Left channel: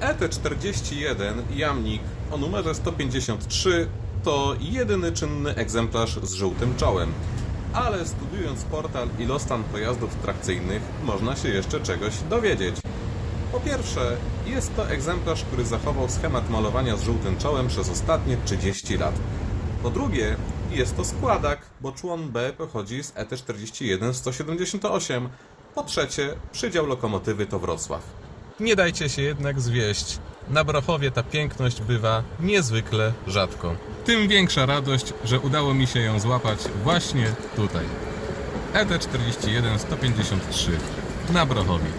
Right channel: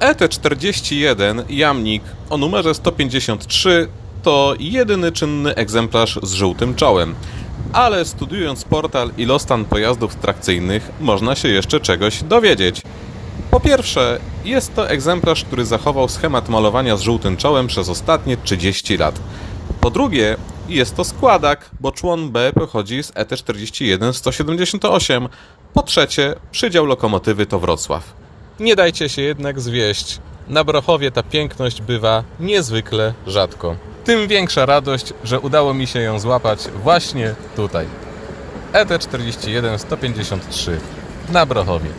ET41 Jamnik o numerze 153 to jedyny czynny egzemplarz z żółtym czołem. Ale studiując portal Ilostan pojazdów trakcyjnych można się jeszcze czegoś dowiedzieć. Po pierwsze, jest to egzemplarz, który zachował schemat malowania z żółtym czołem przez ostatnie 30 lat. Po drugie, jest to składak, bo człon B pochodzi z E ET41 178. Po trzecie, przydział lokomotywy to Wrocław. Nie dajcie się jednak zwieść. Na Brochowie ta piękność bywa niezwykle rzadko. Tym większa radość, że udało mi się ją złapać właśnie tutaj. E ET41 153 na Brochowie.